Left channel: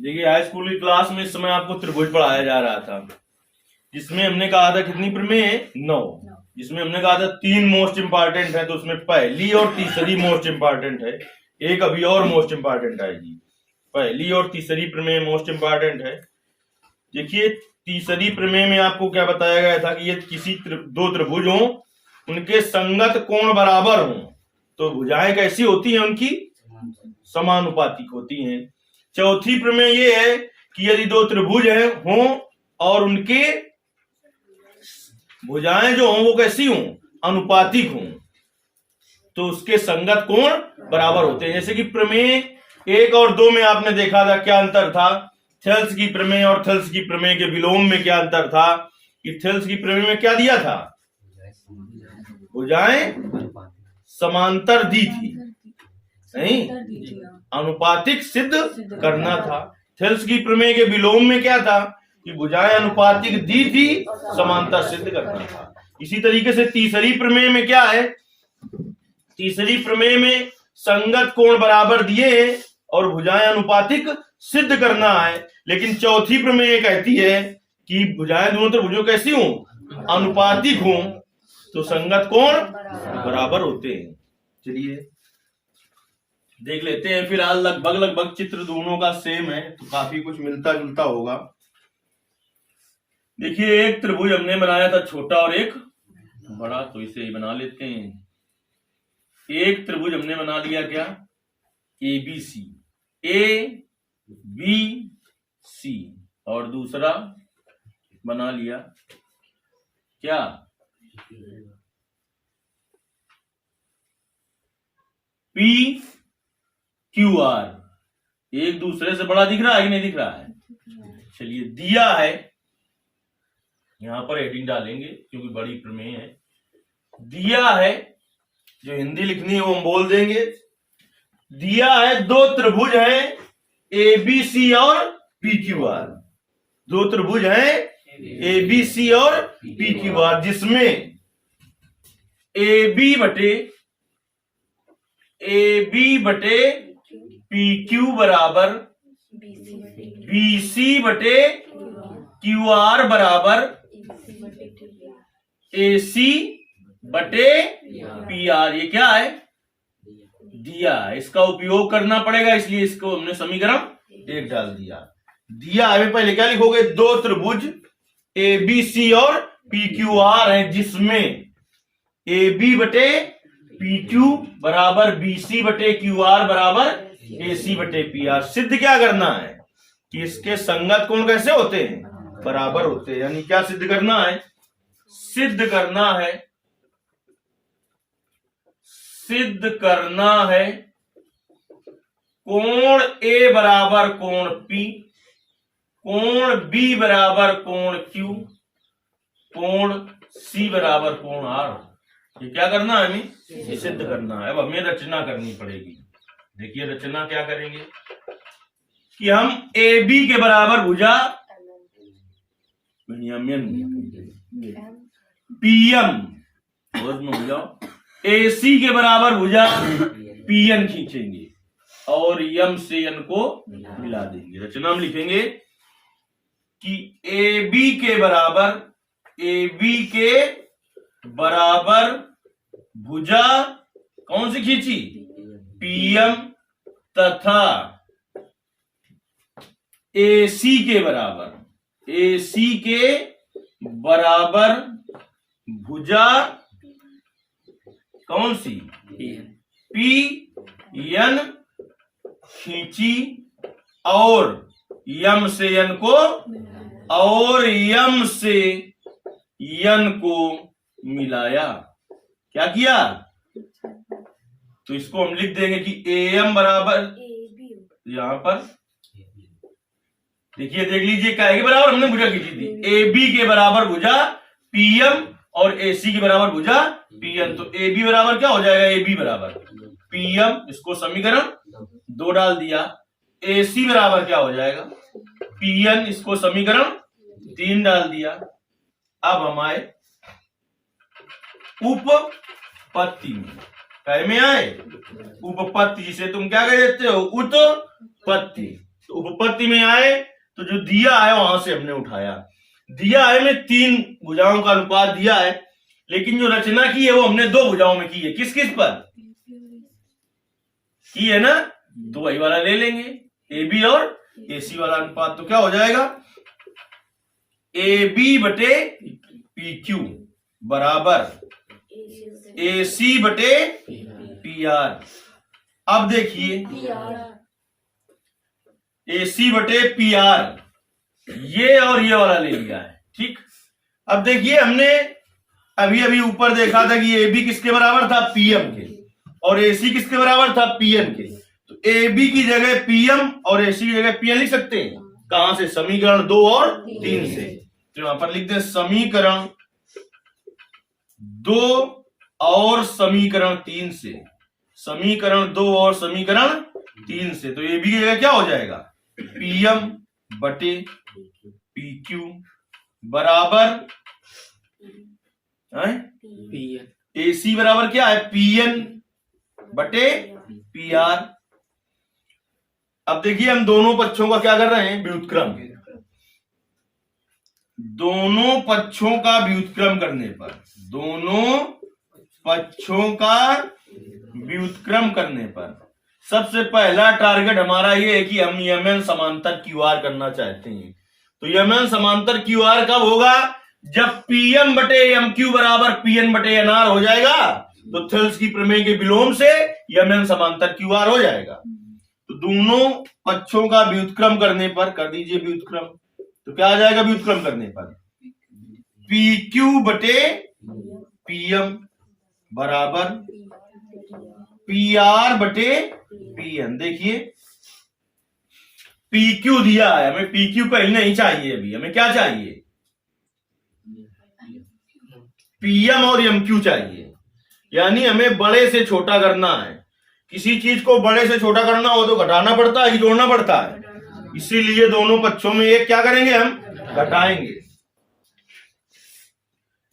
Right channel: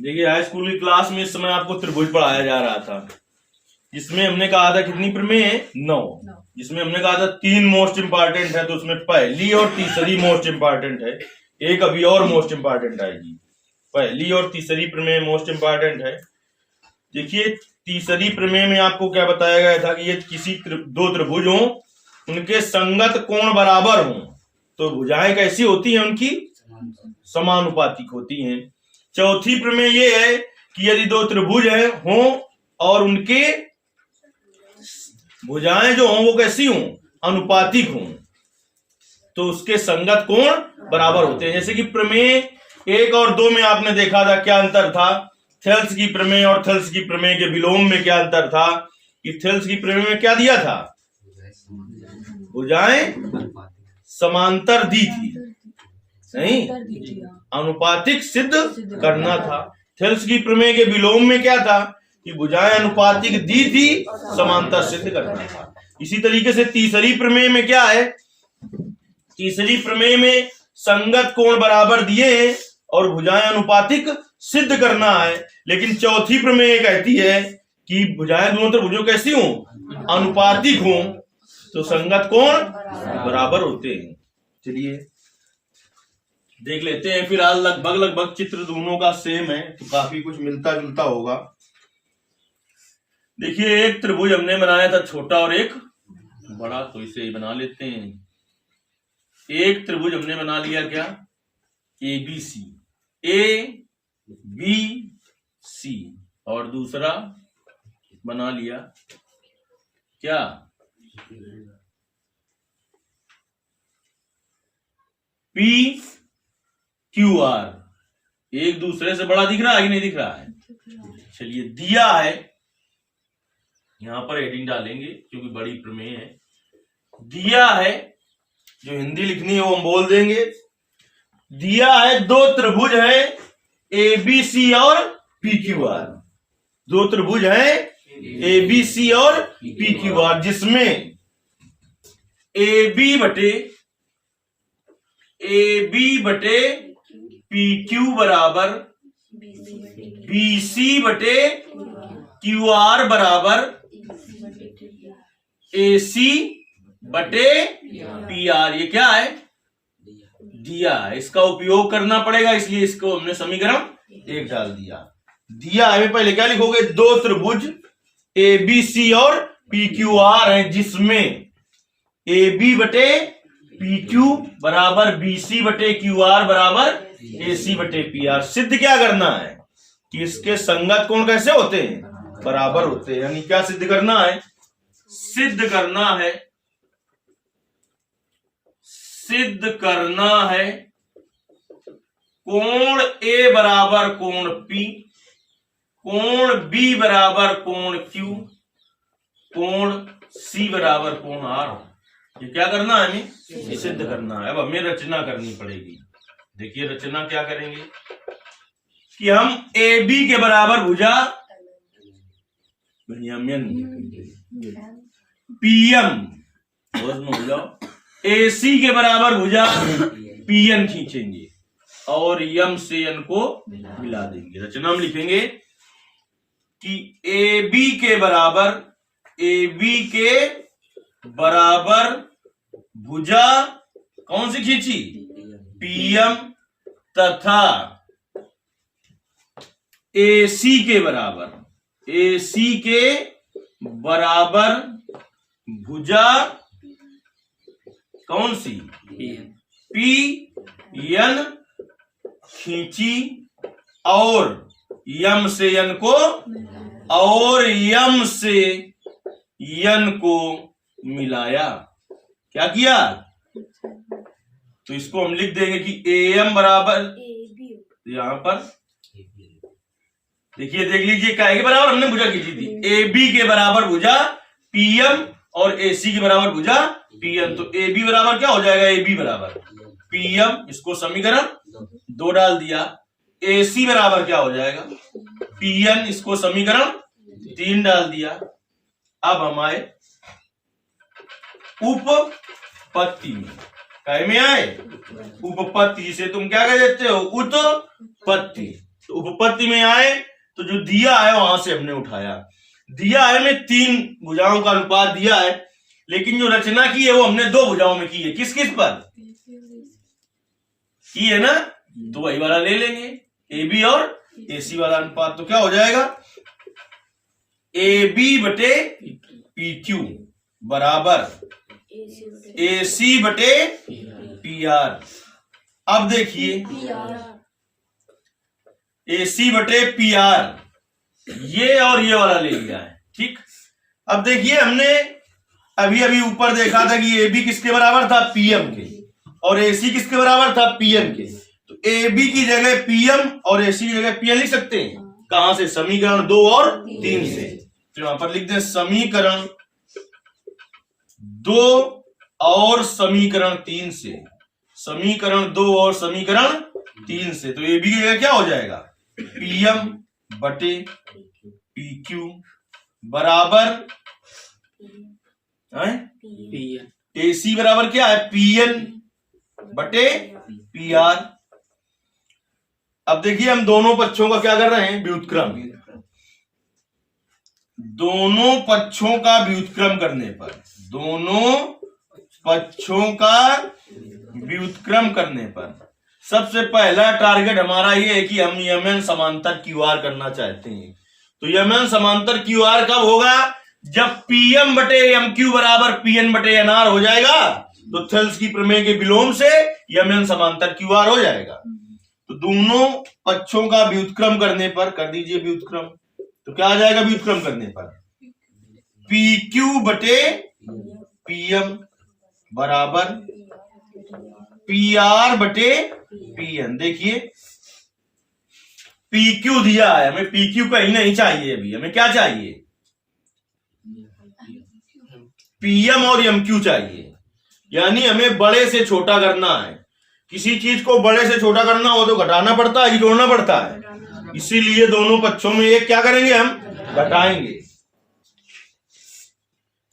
देखिए high school की class में इस समय आपको त्रिभुज पढ़ाया जा रहा था, जिसमें हमने कहा था कितनी प्रमेय है? 9। जिसमें हमने कहा था 3 मोस्ट इंपॉर्टेंट है, तो उसमें पहली और तीसरी मोस्ट इंपॉर्टेंट है। एक अभी और मोस्ट इंपॉर्टेंट आएगी। पहली और तीसरी प्रमेय मोस्ट इंपॉर्टेंट है। देखिए तीसरी प्रमेय में आपको क्या बताया गया था कि ये किसी दो त्रिभुज हो, उनके संगत कोण बराबर हो तो भुजाएं कैसी होती हैं? उनकी समानुपातिक होती हैं। चौथी प्रमेय ये है कि यदि दो त्रिभुज हैं हों और उनके भुजाएं जो हों वो कैसी हों? अनुपातिक हों, तो उसके संगत कोण बराबर होते हैं। जैसे कि प्रमेय 1 और 2 में आपने देखा था क्या अंतर था? थेल्स की प्रमेय और थेल्स की प्रमेय के विलोम में क्या अंतर था? कि थेल्स की प्रमेय में क्या दिया था? भुजाएं समांतर दी थी, नहीं अनुपातिक सिद्ध करना था। थेल्स की प्रमेय के विलोम में क्या था? कि भुजाएं अनुपातिक दी थी, समांतर सिद्ध करना था। इसी तरीके से तीसरी प्रमेय में क्या है? तीसरी प्रमेय में संगत कोण बराबर दिए हैं और भुजाएं अनुपातिक सिद्ध करना है। लेकिन चौथी प्रमेय कहती है कि भुजाएं दोनों त्रिभुजों कैसी हों? अनुपातिक हों, तो संगत कोण बराबर होते हैं। चलिए देख लेते हैं। फिलहाल लगभग चित्र दोनों का सेम है, तो काफी कुछ मिलता जुलता होगा। देखिए एक त्रिभुज हमने बनाया था छोटा और एक बड़ा, तो इसे ही बना लेते हैं। एक त्रिभुज हमने बना लिया क्या? ABC, ABC, और दूसरा बना लिया क्या? PQR। एक दूसरे से बड़ा दिख रहा है कि नहीं दिख रहा है? चलिए दिया है, यहां पर हेडिंग डालेंगे क्योंकि बड़ी प्रमेय है। दिया है, जो हिंदी लिखनी है वो हम बोल देंगे। दिया है दो त्रिभुज हैं ABC और PQR। दो त्रिभुज हैं ABC और PQR, जिसमें AB बटे PQ बराबर BC बटे QR बराबर AC बटे PR। ये क्या है? दिया है। इसका उपयोग करना पड़ेगा, इसलिए इसको हमने समीकरण 1 डाल दिया। दिया है, पहले क्या लिखोगे? दो त्रिभुज ABC और PQR हैं, जिसमें AB बटे PQ बराबर BC बटे QR बराबर AC बटे PR। सिद्ध क्या करना है? कि इसके संगत कोण कैसे होते हैं? बराबर होते हैं। यानी क्या सिद्ध करना है? सिद्ध करना है कोण A बराबर कोण P, कोण B बराबर कोण Q, कोण C बराबर कोण R। ये क्या करना है? हमें ये सिद्ध करना है। अब हमें रचना करनी पड़ेगी। देखिए रचना क्या करेंगे कि हम AB के बराबर भुजा PM हो जाओ, AC के बराबर भुजा PN खींचेंगे और M से N को मिला देंगे। रचना हम लिखेंगे कि AB के बराबर भुजा कौन सी खींची? PM, तथा AC के बराबर भुजा कौन सी? PN खींची और M से N को मिलाया। क्या किया? तो इसको हम लिख देंगे कि AM बराबर, यहां पर देखिए देख लीजिए क्या के बराबर हमने भुजा खींची थी। AB के बराबर भुजा PM और AC के बराबर भुजा PN। तो AB बराबर क्या हो जाएगा? AB बराबर PM, इसको समीकरण 2 डाल दिया। AC बराबर क्या हो जाएगा? PN, इसको समीकरण 3 डाल दिया। अब हम आए उपपत्ति में। काय में आए? उपपत्ति, जिसे तुम क्या कह देते हो? उत्पत्ति। तो उपपत्ति में आए तो जो दिया है वहां से हमने उठाया। दिया है में 3 भुजाओं का अनुपात दिया है, लेकिन जो रचना की है वो हमने 2 भुजाओं में की है। किस किस पर की है ना, तो वही वाला ले लेंगे, ए बी और ए सी वाला अनुपात। तो क्या हो जाएगा, ए बी बटे पी क्यू बराबर ए सी बटे पी आर। अब देखिए ए सी बटे पी आर, ये और ये वाला ले लिया है, ठीक। अब देखिए हमने अभी अभी ऊपर देखा था कि ए बी किसके बराबर था, पीएम के, और ए सी किसके बराबर था, पीएन के। तो ए बी की जगह पीएम और ए सी की जगह पीएन लिख सकते हैं। कहां से, समीकरण 2 और 3 से। तो यहां पर लिखते हैं समीकरण 2 और समीकरण 3 से, समीकरण 2 और समीकरण 3 से। तो ए बी की जगह क्या हो जाएगा, पीएम बटे पी क्यू बराबर पीएन, ए सी बराबर क्या है, पीएन बटे पी आर। अब देखिए हम दोनों पक्षों का क्या कर रहे हैं, व्युत्क्रम। दोनों पक्षों का व्युत्क्रम करने पर, दोनों पक्षों का व्युत्क्रम करने पर सबसे पहला टारगेट हमारा ये है कि हम यमन समांतर क्यू आर करना चाहते हैं। तो यमन समांतर क्यू आर कब होगा, जब पीएम बटे एम क्यू बराबर पीएन बटे एन आर हो जाएगा, तो थेल्स की प्रमेय के विलोम से यमन समांतर क्यू आर हो जाएगा। तो दोनों पक्षों का व्युत्क्रम करने पर, कर दीजिए व्युत्क्रम, तो क्या आ जाएगा व्युत्क्रम करने पर, पी क्यू बटे पीएम बराबर पी आर बटे पीएन। देखिए पी क्यू दिया है, हमें पी क्यू कहीं नहीं चाहिए, अभी हमें क्या चाहिए, पीएम और एम क्यू चाहिए। यानी हमें बड़े से छोटा करना है। किसी चीज को बड़े से छोटा करना हो तो घटाना पड़ता है कि जोड़ना पड़ता है, इसीलिए दोनों पक्षों में एक क्या करेंगे, हम घटाएंगे।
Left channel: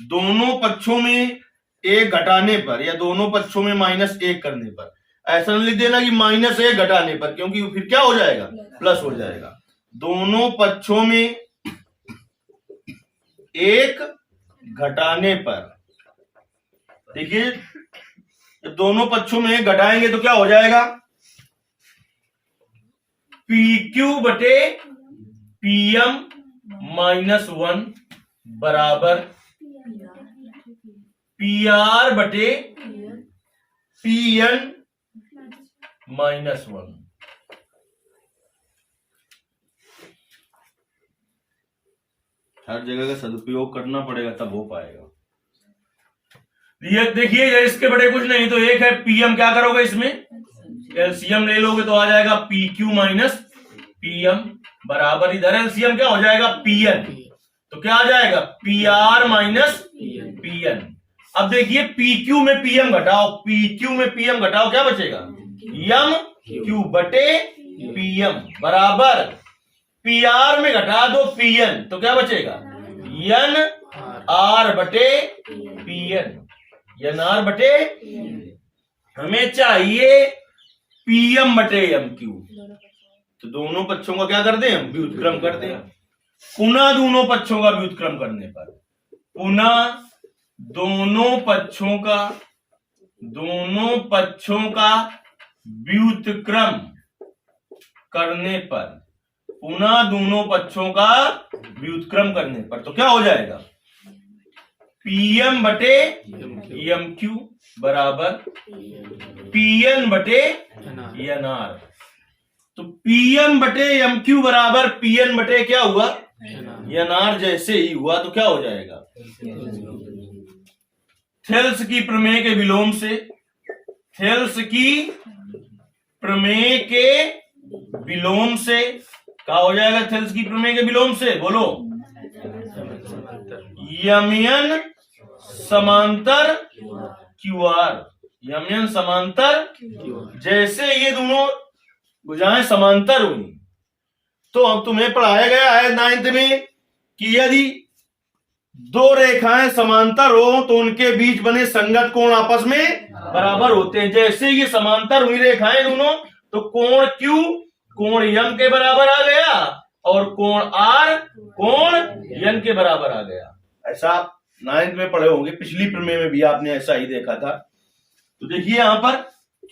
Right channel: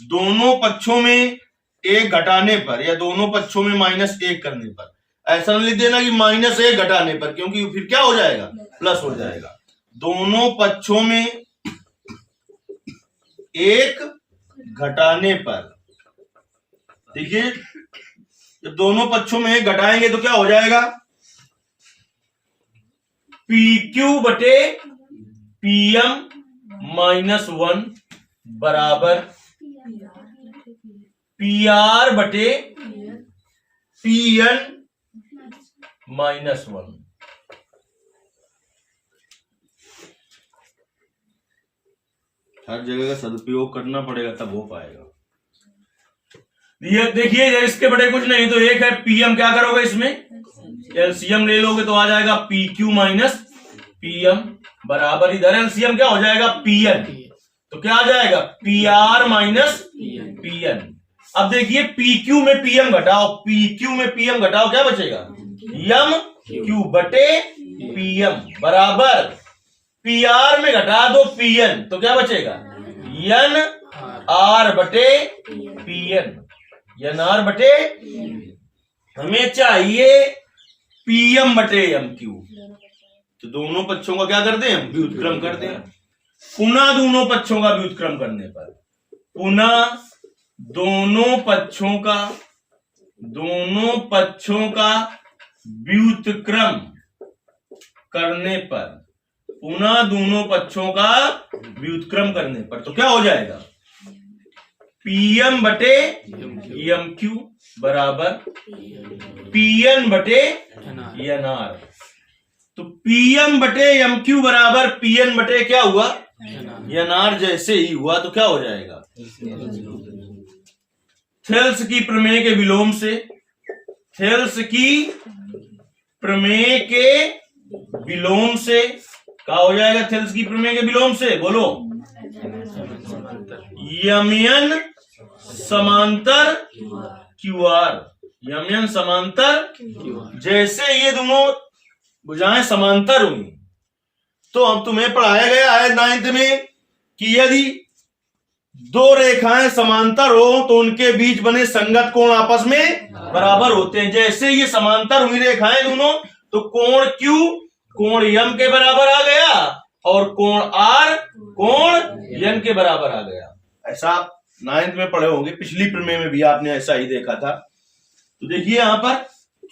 दोनों पक्षों में एक घटाने पर या दोनों पक्षों में -1 करने पर, ऐसा नहीं लिख देना कि -1 घटाने पर, क्योंकि फिर क्या हो जाएगा, प्लस हो जाएगा। दोनों पक्षों में 1 घटाने पर, देखिए जब दोनों पक्षों में 1 घटाएंगे तो क्या हो जाएगा, पी क्यू बटे पीएम -1 बराबर पी आर बटे पीएन -1। हर जगह का सदुपयोग करना पड़ेगा, तब हो पाएगा। ये देखिए इसके बड़े कुछ नहीं, तो एक है पीएम, क्या करोगे इसमें एलसीएम ले लोगे तो आ जाएगा पी क्यू माइनस पीएम बराबर, इधर एलसीएम क्या हो जाएगा, पीएन, तो क्या आ जाएगा, पी आर माइनस पीएन। अब देखिए पी क्यू में पीएम घटाओ, पी क्यू में पीएम घटाओ, क्या बचेगा, एम क्यू बटे पीएम बराबर पी आर में घटा दो पीएन, तो क्या बचेगा, एन आर बटे पीएन, एन आर बटे। हमें चाहिए पीएम बटे एम क्यू, तो दोनों पक्षों का क्या कर दें, हम व्युत्क्रम कर दें। पुनः दोनों पक्षों का व्युत्क्रम करने पर, पुनः दोनों पक्षों का व्युत्क्रम करने पर, पुनः दोनों पक्षों का व्युत्क्रम करने पर, तो क्या हो जाएगा, पीएम बटे एम क्यू बराबर पीएन बटे एन आर। तो पीएम बटे एम क्यू बराबर पीएन बटे क्या हुआ, एन आर। जैसे ही हुआ तो क्या हो जाएगा, थेल्स की प्रमेय के विलोम से, थेल्स की प्रमेय के विलोम से क्या हो जाएगा, थेल्स की प्रमेय के विलोम से, बोलो, यमन समांतर क्यूआर, यमन समांतर। जैसे ये दोनों भुजाएं समांतर हुई, तो अब तुम्हें पढ़ाया गया है 9th में कि यदि 2 रेखाएं समांतर हो तो उनके बीच बने संगत कोण आपस में बराबर होते हैं। जैसे ये समांतर हुई रेखाएं दोनों, तो कोण Q कोण यम के बराबर आ गया और कोण आर कोण यन के बराबर आ गया। ऐसा आप 9th में पढ़े होंगे, पिछली प्रमेय में भी आपने ऐसा ही देखा था। तो देखिए यहां पर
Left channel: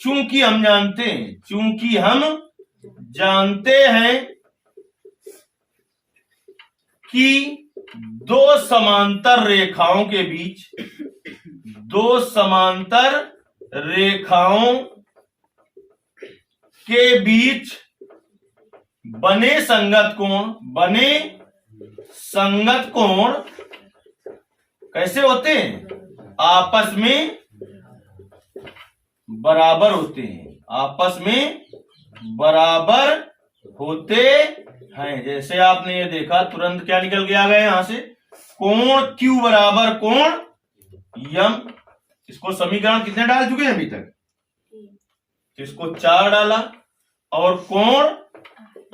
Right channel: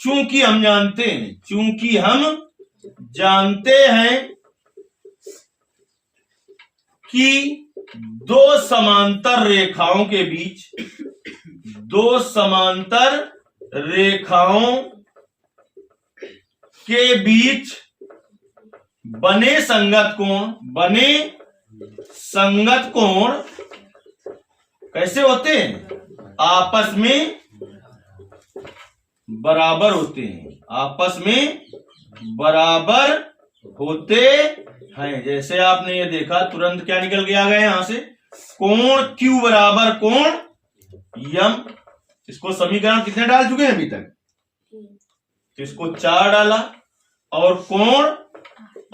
चूंकि हम जानते हैं कि दो समांतर रेखाओं के बीच बने संगत कोण कैसे होते हैं? आपस में बराबर होते हैं। जैसे आपने ये देखा, तुरंत क्या निकल के आ गए यहां से, कोण Q बराबर कोण यम। इसको समीकरण कितने डाल चुके हैं अभी तक? तो इसको 4 डाला। और कोण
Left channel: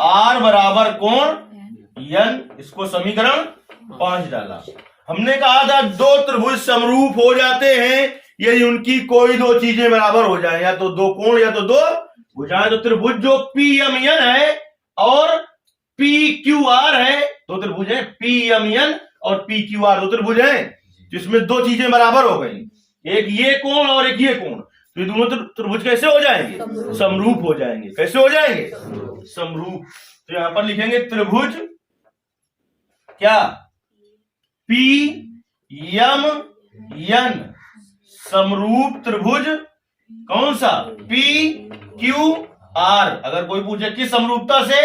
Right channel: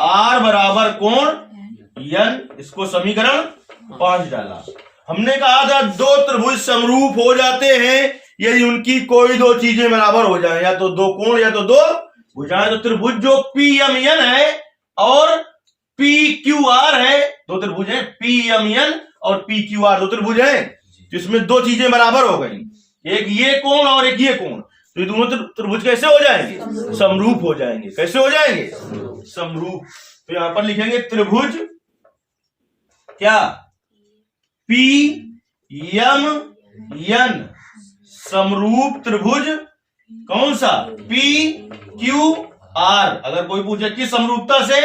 R बराबर कोण यन, इसको समीकरण 5 डाला। हमने कहा था दो त्रिभुज समरूप हो जाते हैं यदि उनकी कोई दो चीजें बराबर हो जाए, या तो दो कोण या तो दो भुजाएं। तो त्रिभुज जो PMN है और PQR है, दो त्रिभुज है, PMN और PQR दो त्रिभुज है, जिसमें दो चीजें बराबर हो गई, एक ये कोण और एक ये कोण। तो ये दोनों त्रिभुज कैसे हो जाएंगे? समरूप हो जाएंगे। कैसे हो जाएंगे? समरूप। तो यहां पर लिखेंगे त्रिभुज क्या? PMN समरूप त्रिभुज कौन सा? PQR। अगर कोई पूछे किस समरूपता से?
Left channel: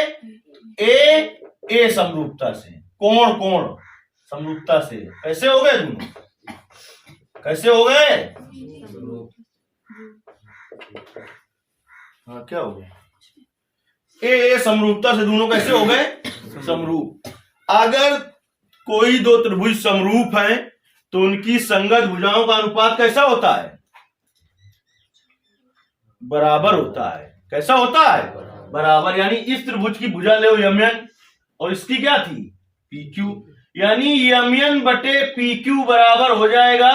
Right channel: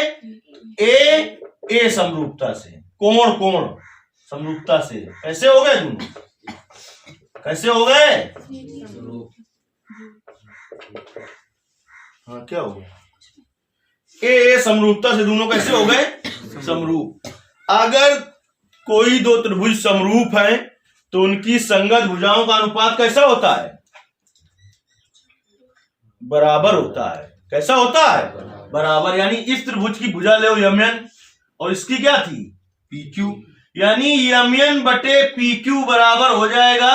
ए समरूपता से। कोण समरूपता से। कैसे हो गए दोनों? कैसे हो गए? हाँ, क्या हो गया? ए समरूपता से दोनों कैसे हो गए? समरूप। अगर कोई दो त्रिभुज समरूप है तो उनकी संगत भुजाओं का अनुपात कैसा होता है? बराबर होता है। कैसा होता है? बराबर। यानी इस त्रिभुज की भुजा ले MN और इसकी क्या थी? PQ। यानी MN बटे PQ बराबर हो जाएगा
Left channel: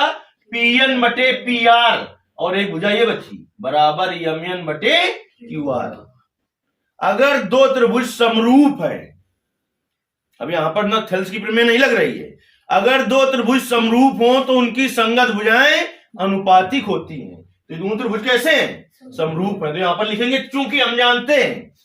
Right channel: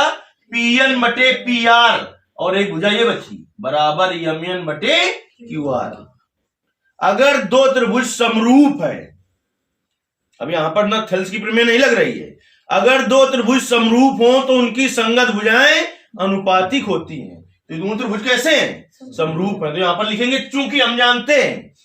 PN बटे PR, और एक भुजा ये बची बराबर MN बटे QR। अगर दो त्रिभुज समरूप है, अब यहां पर ना थेल्स की प्रमेय नहीं लग रही है, अगर दो त्रिभुज समरूप हो तो उनकी संगत भुजाएं अनुपातिक होती हैं। तो दोनों त्रिभुज कैसे हैं? समरूप है। तो यहां पर लिखेंगे चूंकि हम जानते हैं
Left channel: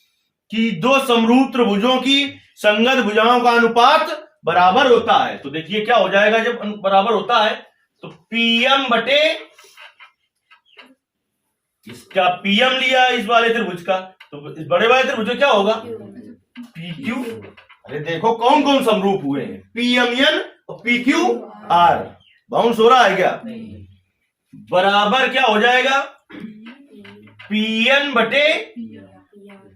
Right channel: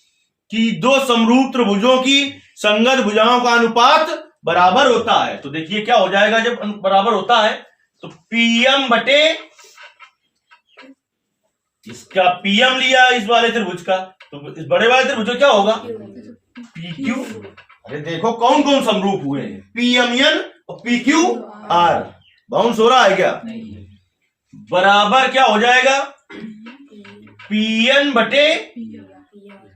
कि दो समरूप त्रिभुजों की संगत भुजाओं का अनुपात बराबर होता है। तो देखिए क्या हो जाएगा जब बराबर होता है, तो PM बटे इसका PM लिया इस वाले त्रिभुज का, तो इस बड़े वाले त्रिभुज का क्या होगा? PQ। अरे देखो कौन कौन समरूप हुए हैं? PMN और PQR। बाउंस हो रहा है क्या? बराबर क्या हो जाएगा? PN बटे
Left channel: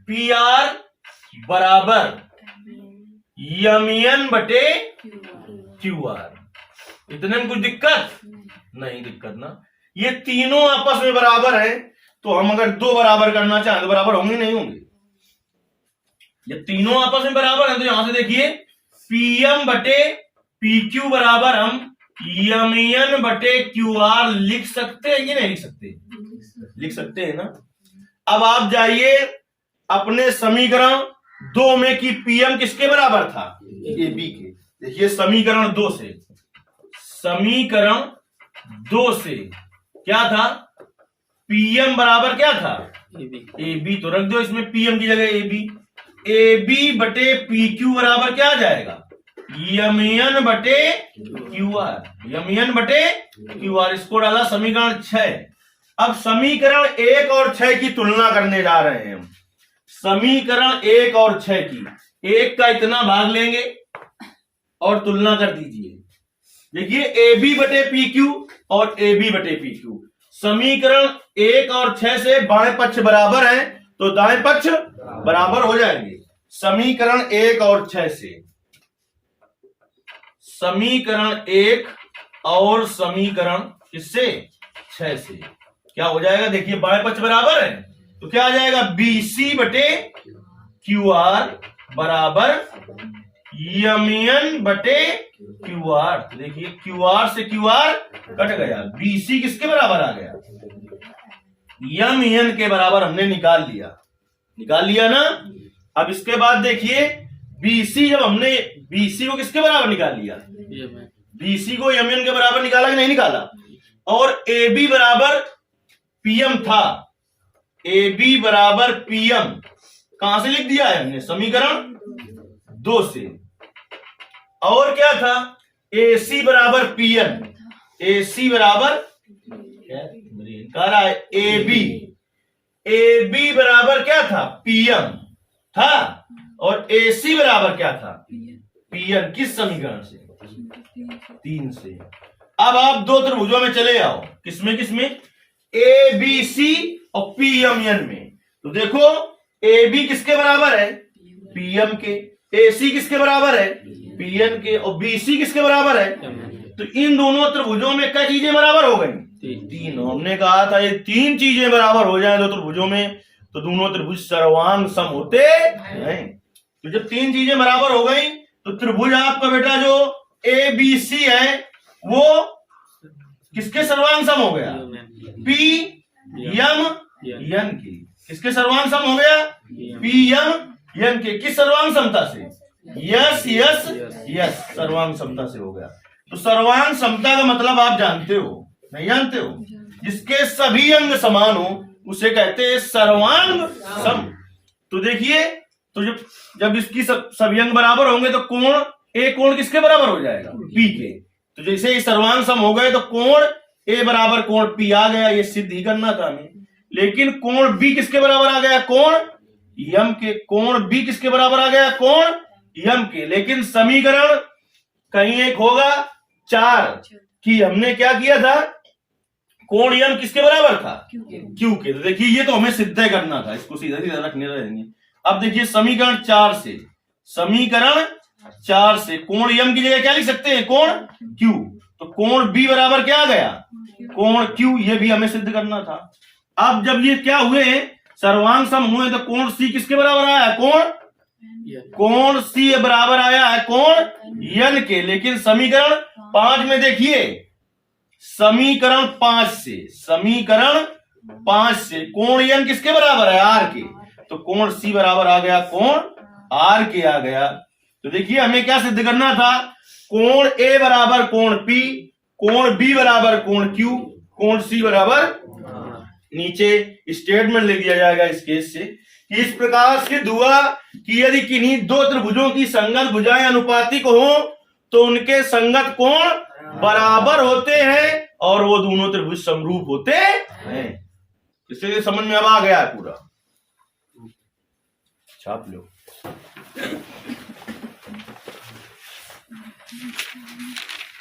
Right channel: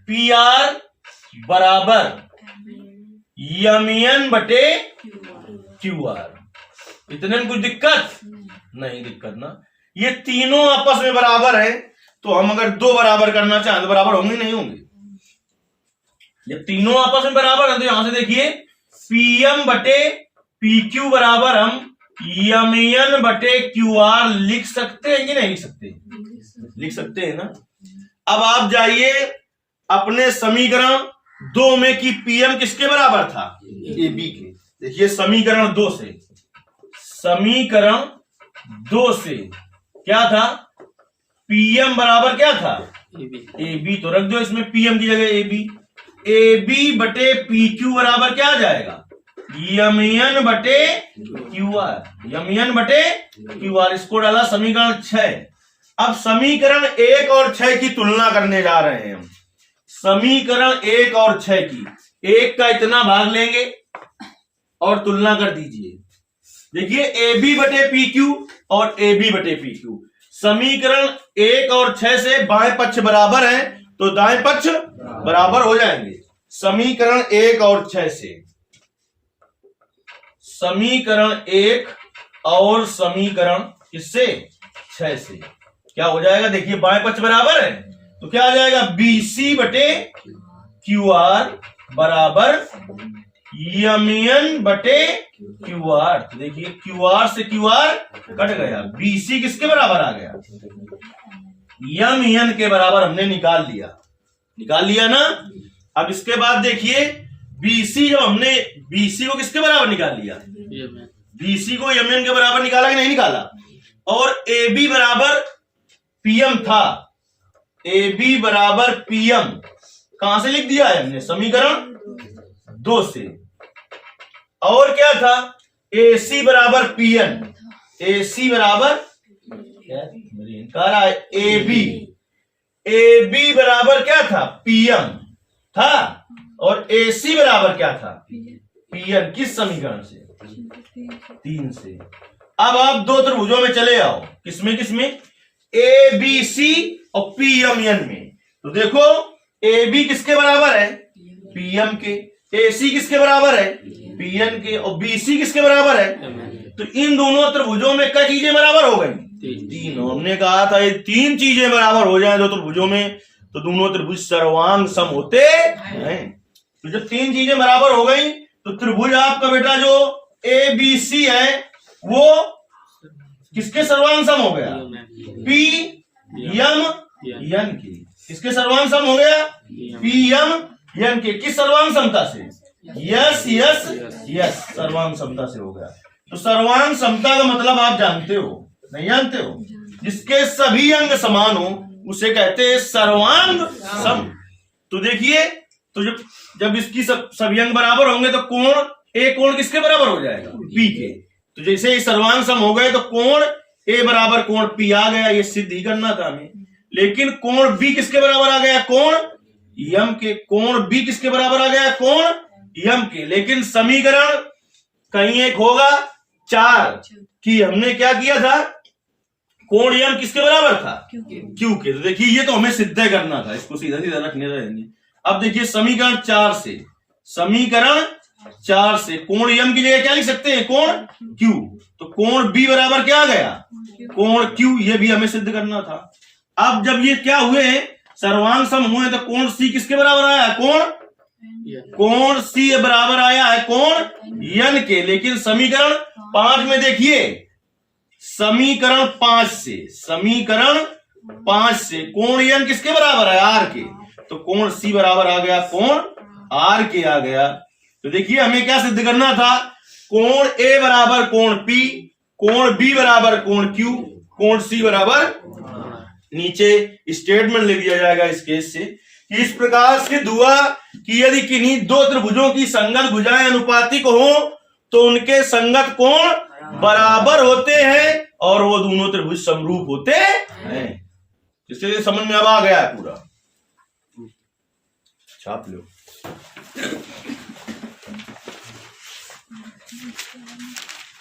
PR बराबर MN बटे QR। इतने में कुछ दिक्कत नहीं? दिक्कत ना। ये तीनों आपस में बराबर है, तो हम अगर दो बराबर करना चाहें तो बराबर होंगे नहीं होंगे? ये तीनों आपस में बराबर है, तो यहां से देखिए PM बटे PQ बराबर हम MN बटे QR लिख सकते हैं कि नहीं लिख सकते? लिख सकते हैं ना। अब आप जाइए अपने समीकरण 2 में कि PM किसके बराबर था? AB के। देखिए समीकरण 2 से क्या था? PM बराबर क्या था? AB। तो रख दो इसमें PM की जगह AB। AB बटे PQ बराबर क्या आ जाएगा? MN बटे QR। MN बटे QR, इसको डाला समीकरण 6। अब समीकरण 1 और 6 की तुलना करने जा रहे हैं हम। समीकरण 1 और 6 की, 1 का इतना भाग लेंगे और तुलना कर दीजिए। देखिए AB बटे PQ और AB बटे PQ, समीकरण 1 और 6 से बाएं पक्ष बराबर है तो दाएं पक्ष बराबर हो जाएंगे। समीकरण 1 और 6 से, समीकरण 1 और समीकरण किससे? 6 से क्या हो जाएगा? देखिए बाएं पक्ष बराबर है तो क्या आ जाएगा? BC बटे QR बराबर MN बटे QR। तो देखिए QR से QR कट गया, BC किसके बराबर आ गया? MN के बराबर हमने निकाल लिया ना। अब इसके बाद देखिए बीसी, जब हमने बीसी को किसके बराबर निकाल लिया, बीसी को एमएन के बराबर निकाला कि नहीं निकाला, और AB बराबर PM था, AB बराबर PM कहां से लिख दिया है हमने, समीकरण 2 से। और क्या था, AC बराबर PN, AC बराबर कह रहा है AB बराबर क्या था, PM था, और AC बराबर क्या था, PN। किस समीकरण से, 3 से। अब आप दो त्रिभुजों में चले आओ, किसमें किसमें, ABC और PMN में। तो देखो AB किसके बराबर है, PM के, AC किसके बराबर है, PN के, और BC किसके बराबर है। तो इन दोनों त्रिभुजों में क्या चीजें बराबर हो गई, 3। हमने कहा था ये 3 चीजें बराबर हो जाए दो त्रिभुजों में तो दोनों त्रिभुज सर्वांग सम होते हैं। तो जब 3 चीजें बराबर हो गई तो त्रिभुज आपका बेटा जो ABC है वो किसके सर्वांग सम हो गया, PMN की। किसके सर्वांग सम हो गया, PMN के। किस सर्वांग समता से, यस यस यस, सर्वांग समता से हो गया। तो सर्वांग समता का मतलब आप जानते हो, नहीं जानते हो, जिसके सभी अंग समान हो उसे कहते हैं सर्वांग सम। तो देखिए, तो जब इसकी सभी अंग बराबर होंगे तो कोण ए कोण किसके बराबर हो जाएगा, P के। तो जैसे ही सर्वांग सम हो गए तो कोण ए बराबर कोण P आ गया, ये सिद्ध ही करना था हमें। लेकिन कोण B किसके बराबर आ गया, कोण M के। कोण B किसके बराबर आ गया, कोण M के। लेकिन समीकरण कहीं एक होगा 4 कि हमने क्या किया था, कोण M किसके बराबर था, Q के। तो देखिए ये तो हमें सिद्ध करना था, इसको सीधा सीधा रखने रहेंगे। अब देखिए समीकरण 4 से, समीकरण 4 से कोण M की जगह क्या लिख सकते हैं, कोण Q। तो कोण B बराबर क्या आ गया, कोण Q। ये भी हमें सिद्ध करना था। अब जब ये क्या हुए, सर्वांग सम हुए, तो कोण C किसके बराबर आया है, कोण C बराबर आया है कोण N के। लेकिन समीकरण 5 में देखिए, समीकरण 5 से, समीकरण 5 से कोण N किसके बराबर है, R के। तो कोण C बराबर आ गया कोण R के आ गया। तो देखिए हमें क्या सिद्ध करना था, कोण A बराबर कोण P, कोण B बराबर कोण Q, कोण C बराबर, नीचे स्टेटमेंट लिख दिया जाएगा इस केस से। इस प्रकार से हुआ कि यदि किन्हीं दो त्रिभुजों की संगत भुजाएं अनुपातिक हो तो उनके संगत कोण बराबर होते हैं और वो दोनों त्रिभुज समरूप होते हैं। इससे समझ में अब आ गया है पूरा, छाप लो।